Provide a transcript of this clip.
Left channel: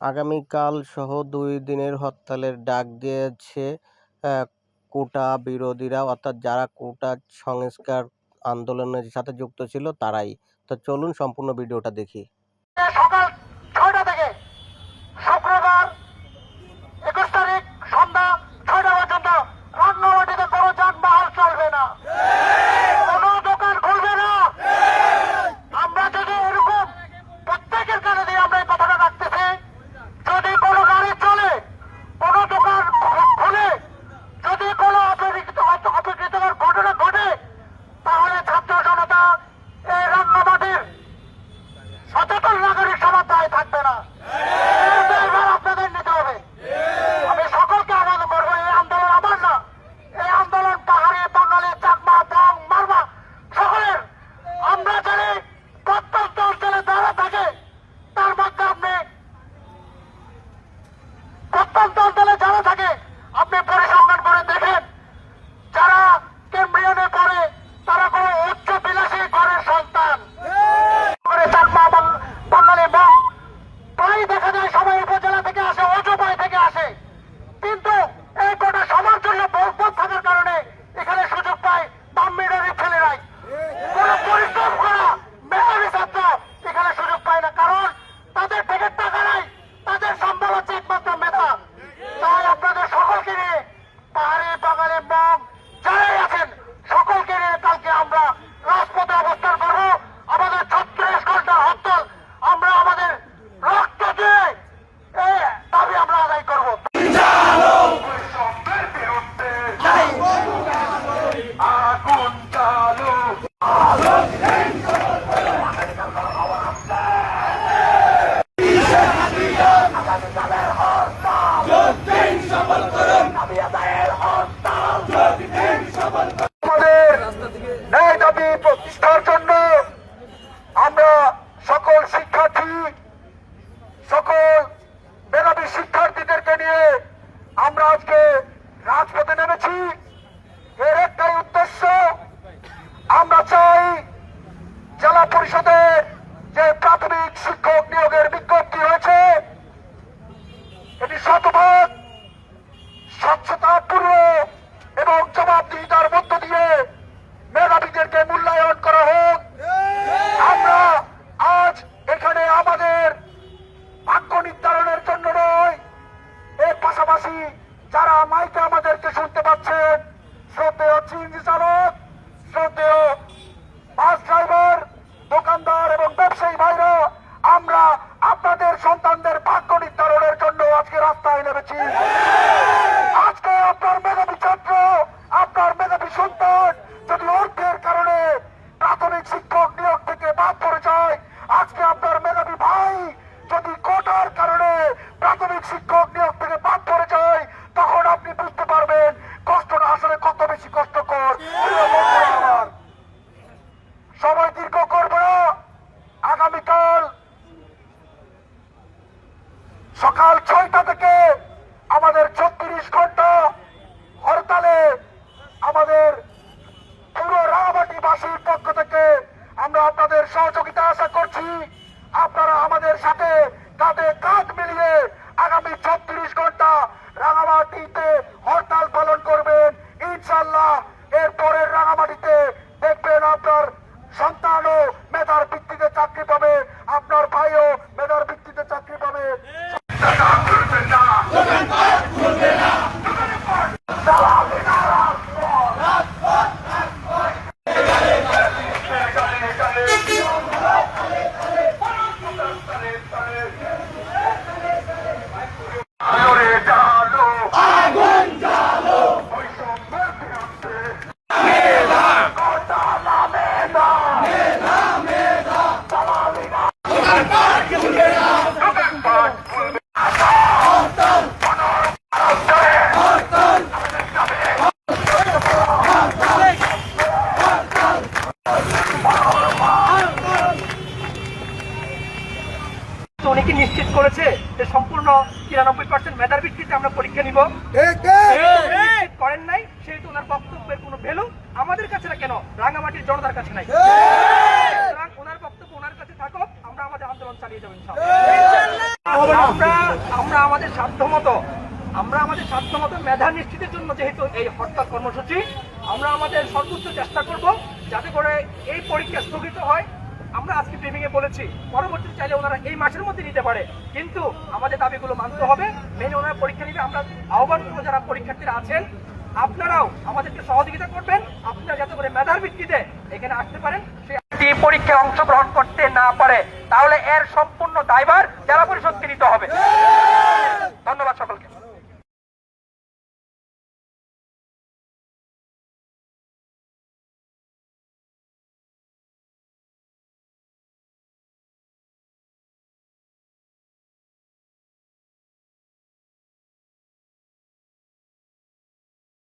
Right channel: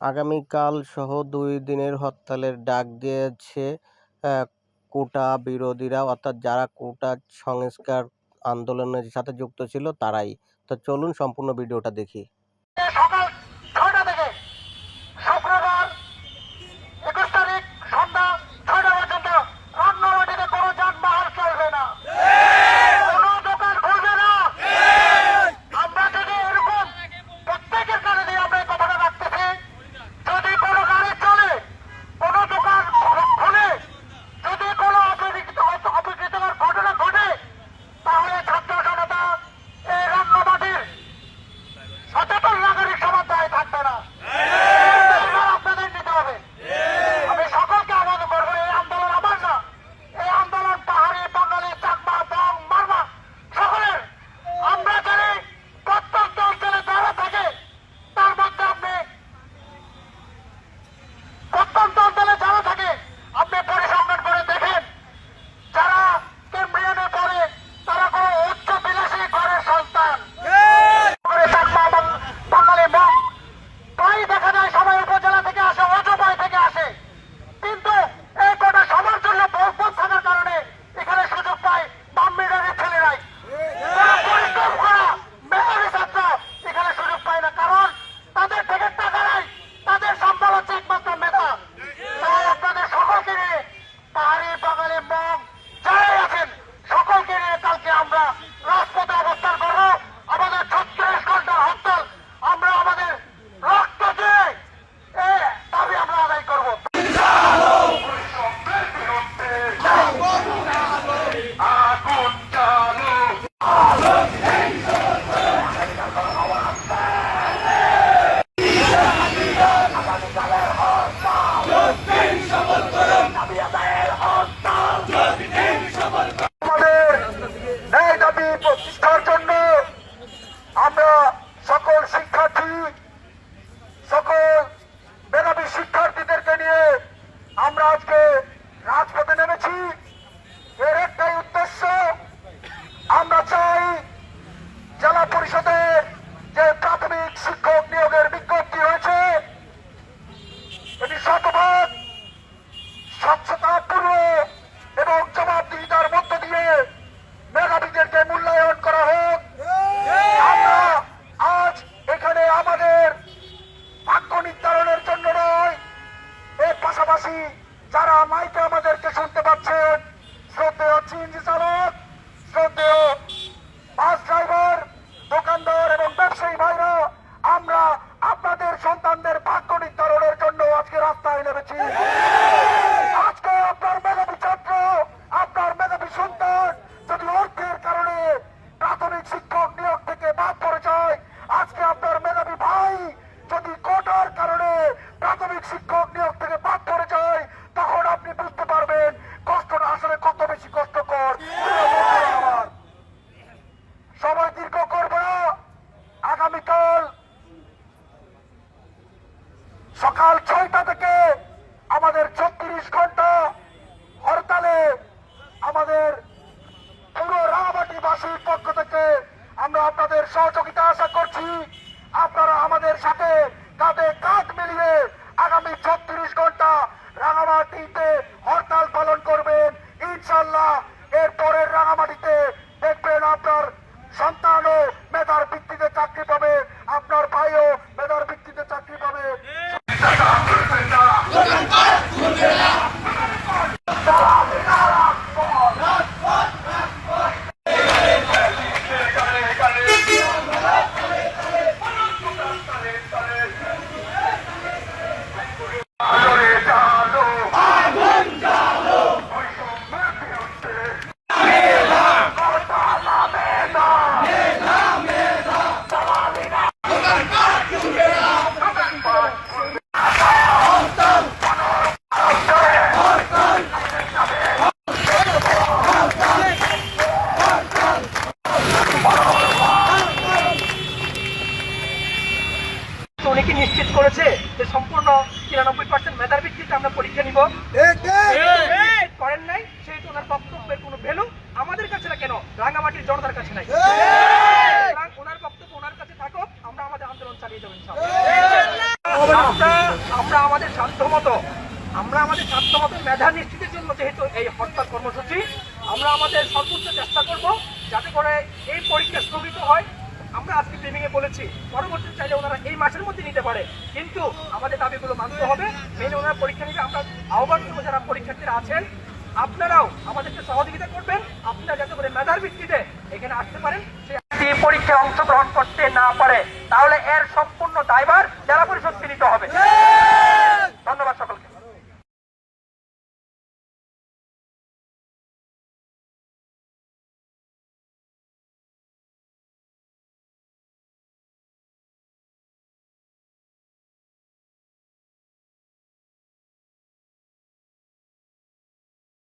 আগামীকাল সহ দুই দিনের হরতালের ডাক দিয়েছে কোটা বিরোধীরা। অর্থাৎ যারা কোটা সংস্কার আন্দোলনের সাথে যুক্ত ছিল তারাই। তো চলুন সম্পূর্ণ ভিডিওটা দেখি। ইসলামের জন্য আমরা সকল শিক্ষার্থী সকল বেনামী শিক্ষার্থীদেরকে নিয়ে আমরা আজকে রাজপথে নেমেছি। দেশবাসী যারা মাইকে আমাদেরকে শুনতে পাচ্ছেন শ্রদ্ধেয় চিঞ্জি চালক শ্রদ্ধেয় বাস সকাল ছয়টা থেকে আমাদের ছত্রিশ ঘণ্টা হরতালে আমাদের পুরো রাবাটিবাসীর পক্ষ থেকে আমরা আপনাদের সহযোগিতা আশা করছি। আপনারা আমাদের সাথে কাঁধে কাঁধ মিলিয়ে আগামী ছত্রিশ ঘণ্টা রাঙামাটিতে উনি কি নিশ্চিত করেছে যে সম্পূর্ণ তিরানব্বই পার্সেন্ট মেধার ভিত্তিতে আমরা পরীক্ষা নিব। করেন নাই সেহেতু ওনার বক্তব্যের কোনো ভ্যালু আমাদের কাছে না কেন? রাঙামাটির জনতার কাছে নাই। মেধা নিশ্চিতের জন্য যেহেতু এই হরতাল কর্মসূচি, আমরা আমাদের সর্বোচ্চ চেষ্টা করব যাতে করে এই পরীক্ষা স্থগিত হয়। আমরা আজকে এ বলেছি পরবর্তী চাইলে ওনারা এই মাসের মধ্যে নিতে পারে। কিন্তু আমাদের দাবিগুলো মানতে হবে। মেনে ওনারা পরীক্ষা নিতে আমরা আহ্বান করব যারা পরীক্ষার্থীরা আছেন। আপনারাও আমাদেরকে সহযোগিতা করবেন। আপনারা যাতে করে মেধার ভিত্তিতে এখানে আসতে পারেন। সে ব্যক্তি পরীক্ষায় অংশগ্রহণ করতে না পারে, তাহলে এর সম্পূর্ণ দায়ভার জেলা পরিষদকে নিতে হবে। ধন্যবাদ সকলকে।